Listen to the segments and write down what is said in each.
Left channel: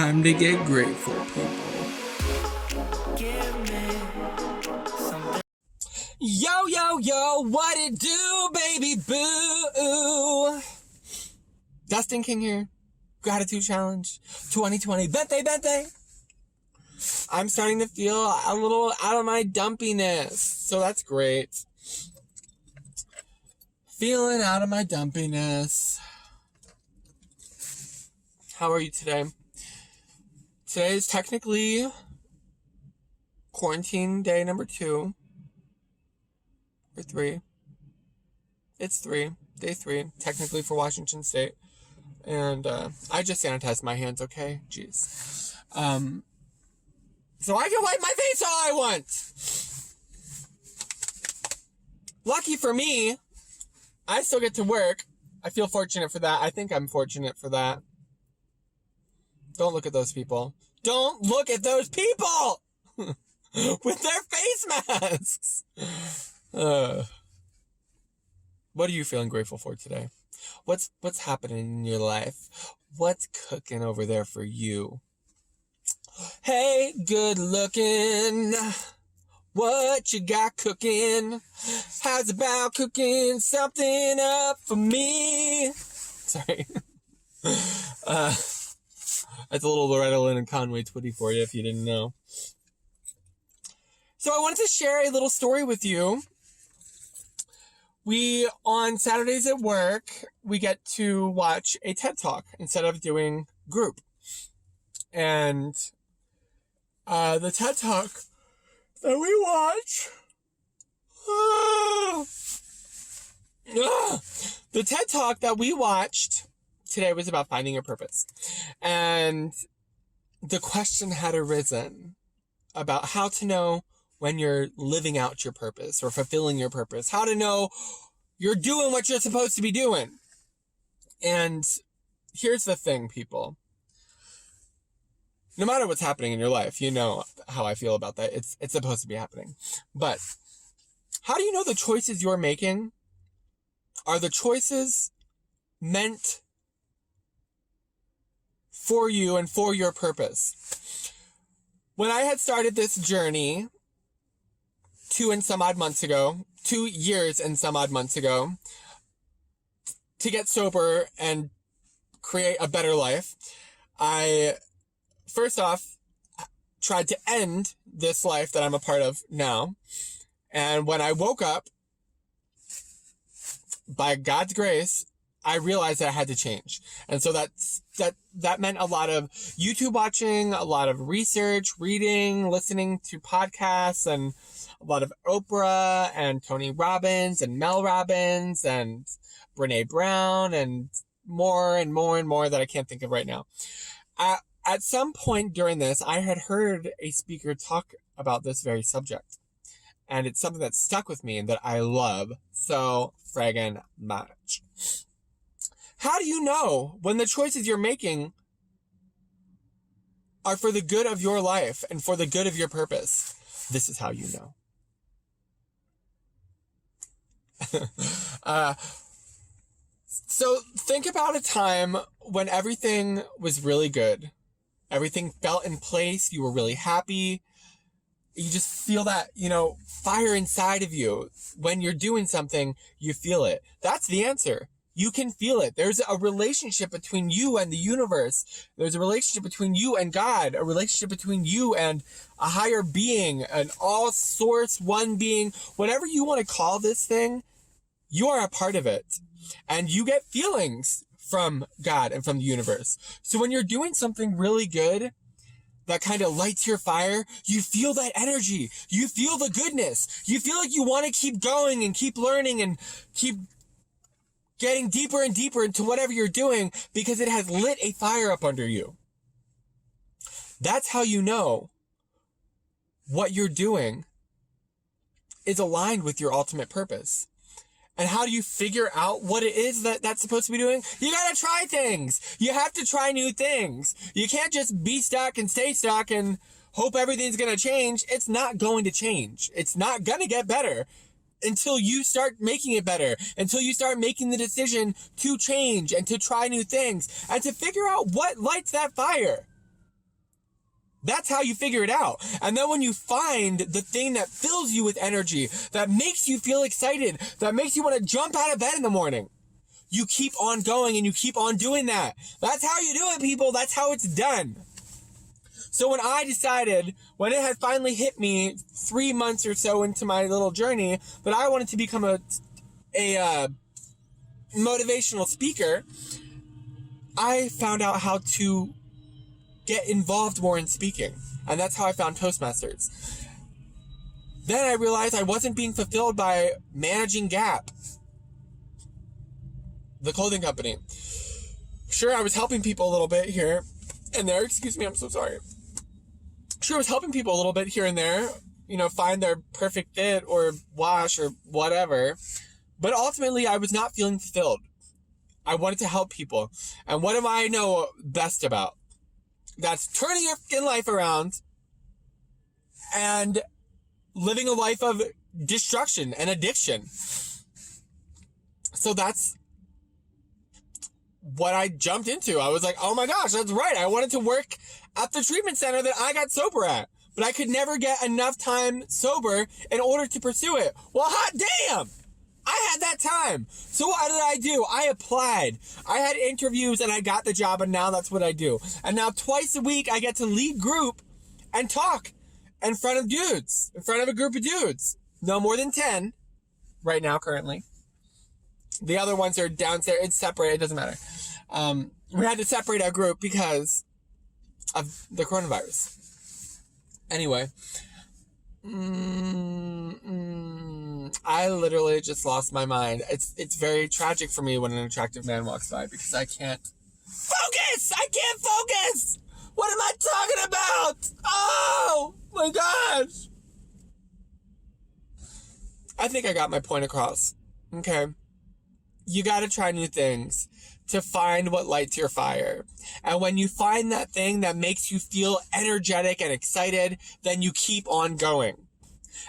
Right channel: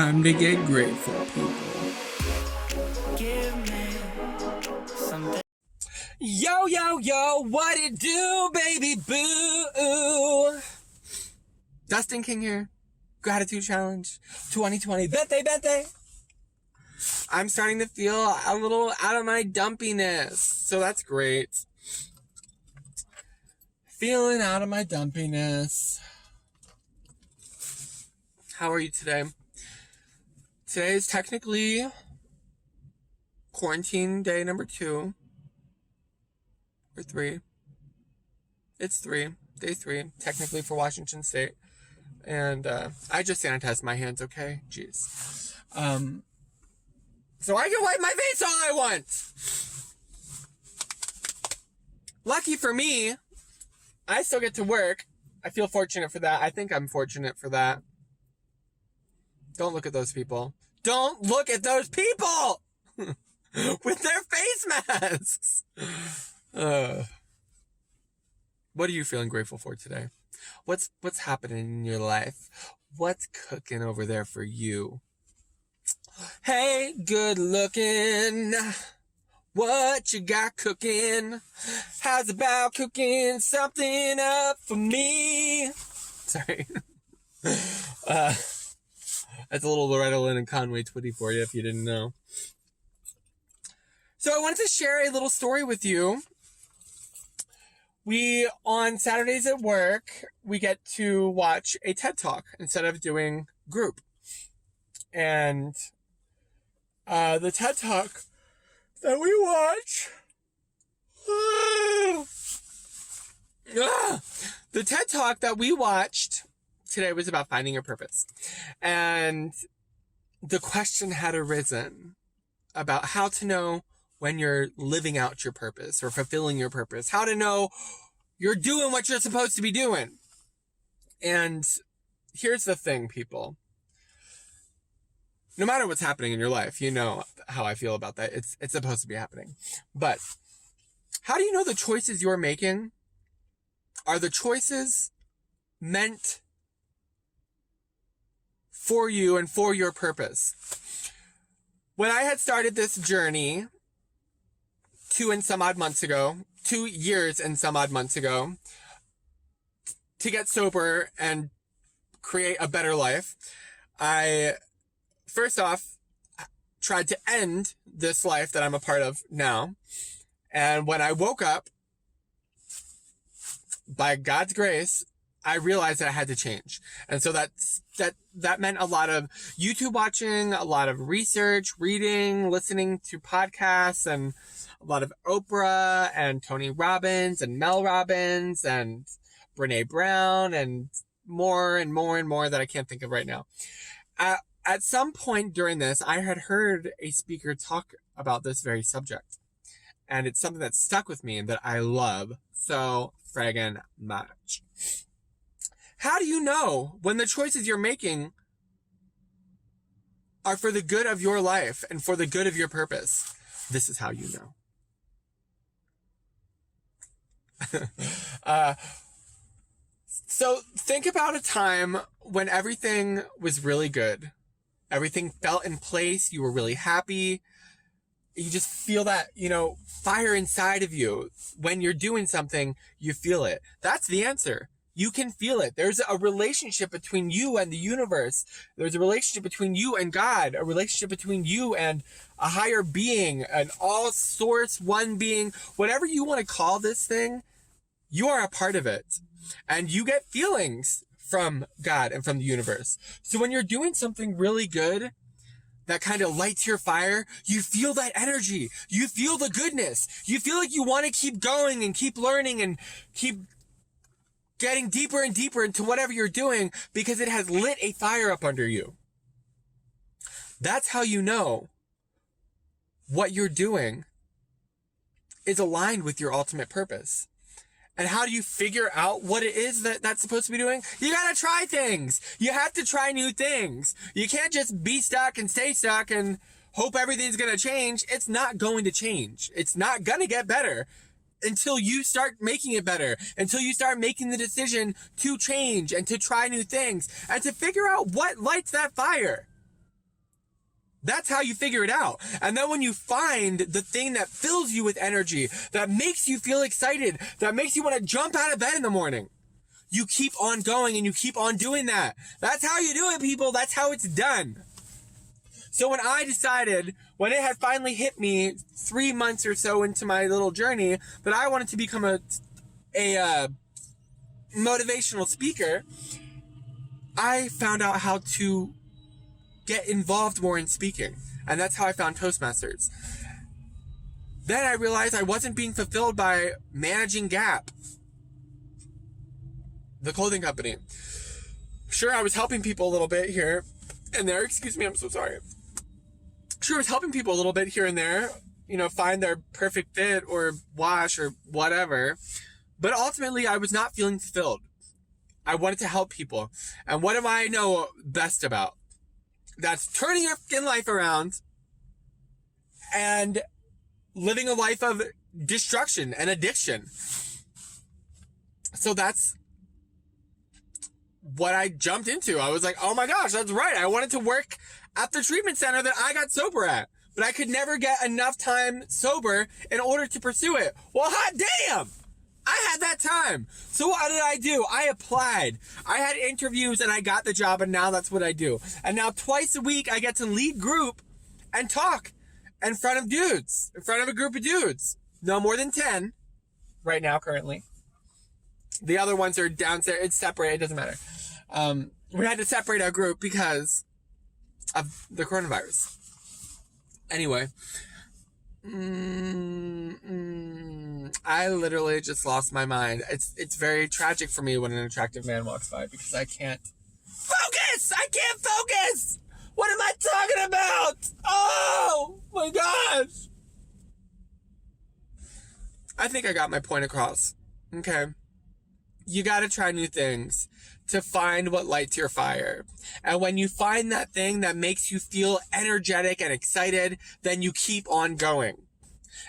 time to get grateful, people. Give me something. Yo, yo, yo, what it do, baby boo? Dustin King here. Gratitude Challenge 2020. Vente. I'm starting to feel a little out of my dumpiness, so that's great. Feeling out of my dumpiness. How are you today? Today is technically quarantine day number 2 or 3. It's 3, day 3, technically for Washington State. And I just sanitized my hands, okay? Jeez. So I can wipe my face all I want. Lucky for me, I still get to work. I feel fortunate for that. I think I'm fortunate for that. Don't look at those people. Don't look at those people with their face masks. What are you feeling grateful for today? What's happening in your life? What's cooking over there for you? Hey, good looking. What you got cooking? How's about cooking something up for me? Sorry. That's a little Loretta Lynn and Conway Twitty for you if you didn't know. So I wanted to share a little story with you. On Saturdays at work, we get to watch a TED Talk instead of doing group. And the TED Talk that we watch, the TED Talk that we watched today was about finding your purpose. And the question had arisen about how to know when you're living out your purpose or fulfilling your purpose, how to know you're doing what you're supposed to be doing. And here's the thing, people. No matter what's happening in your life, you know how I feel about that. It's supposed to be happening. But how do you know the choices you're making are the choices meant for you and for your purpose? When I had started this journey 2 years and some odd months ago, to get sober and create a better life, I first off tried to end this life that I'm a part of now. And when I woke up, by God's grace, I realized that I had to change. And so that meant a lot of YouTube watching, a lot of research, reading, listening to podcasts, and a lot of Oprah and Tony Robbins and Mel Robbins and Brene Brown and more that I can't think of right now. At some point during this, I had heard a speaker talk about this very subject. And it's something that stuck with me and that I love so friggin' much. How do you know when the choices you're making are for the good of your life and for the good of your purpose? This is how you know. So think about a time when everything was really good. Everything felt in place. You were really happy. You just feel that, fire inside of you. When you're doing something, you feel it. That's the answer. You can feel it. There's a relationship between you and the universe. There's a relationship between you and God, a relationship between you and a higher being, an all source, one being, whatever you want to call this thing, you are a part of it. And you get feelings from God and from the universe. So when you're doing something really good, that kind of lights your fire, you feel that energy. You feel the goodness. You feel like you want to keep going and keep learning and keep getting deeper and deeper into whatever you're doing because it has lit a fire up under you. That's how you know what you're doing is aligned with your ultimate purpose. And how do you figure out what it is that's supposed to be doing? You gotta try things. You have to try new things. You can't just be stuck and stay stuck and hope everything's gonna change. It's not going to change. It's not gonna get better until you start making it better, until you start making the decision to change and to try new things and to figure out what lights that fire. That's how you figure it out. And then when you find the thing that fills you with energy, that makes you feel excited, that makes you want to jump out of bed in the morning, you keep on going and you keep on doing that. That's how you do it, people. That's how it's done. So when I decided, when it had finally hit me 3 months or so into my little journey, that I wanted to become a motivational speaker, I found out how to get involved more in speaking. And that's how I found Toastmasters. Then I realized I wasn't being fulfilled by managing Gap, the clothing company. Sure, I was helping people a little bit here and there. Excuse me, I'm so sorry. Sure, I was helping people a little bit here and there, you know, find their perfect fit or wash or whatever. But ultimately, I was not feeling fulfilled. I wanted to help people. And what do I know best about? That's turning your fucking life around and living a life of destruction and addiction. So that's what I jumped into. I was like, oh my gosh, that's right. I wanted to work at the treatment center that I got sober at, but I could never get enough time sober in order to pursue it. Well, hot damn! I had that time. So what did I do? I applied. I had interviews and I got the job, and now that's what I do. And now twice a week I get to lead group and talk in front of dudes, in front of a group of dudes. No more than 10 right now currently. The other ones are downstairs. It's separate. It doesn't matter. We had to separate our group because of the coronavirus. Anyway. I literally just lost my mind. It's very tragic for me when an attractive man walks by because I can't focus! I can't focus! What am I talking about? Oh my gosh! I think I got my point across. Okay. You gotta try new things to find what lights your fire. And when you find that thing that makes you feel energetic and excited, then you keep on going.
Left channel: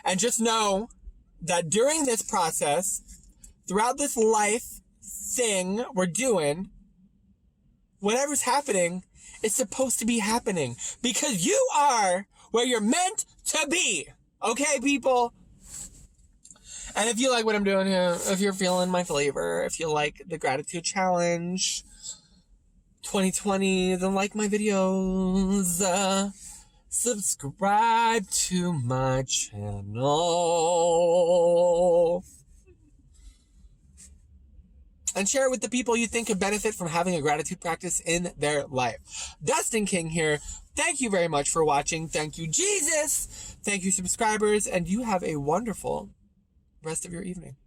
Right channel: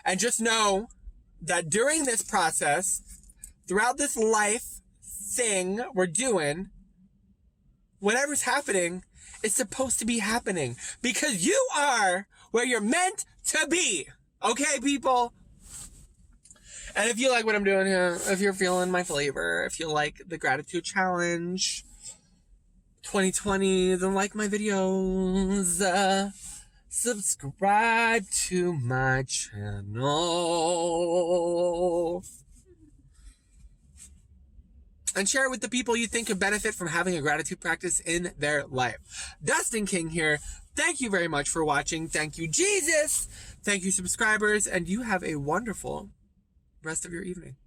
And just know that during this process, throughout this life thing we're doing, whatever's happening is supposed to be happening because you are where you're meant to be. Okay, people? And if you like what I'm doing here, if you're feeling my flavor, if you like the gratitude challenge 2020, then like my videos, subscribe to my channel, and share it with the people you think could benefit from having a gratitude practice in their life. Dustin King here. Thank you very much for watching. Thank you, Jesus. Thank you, subscribers. And you have a wonderful rest of your evening.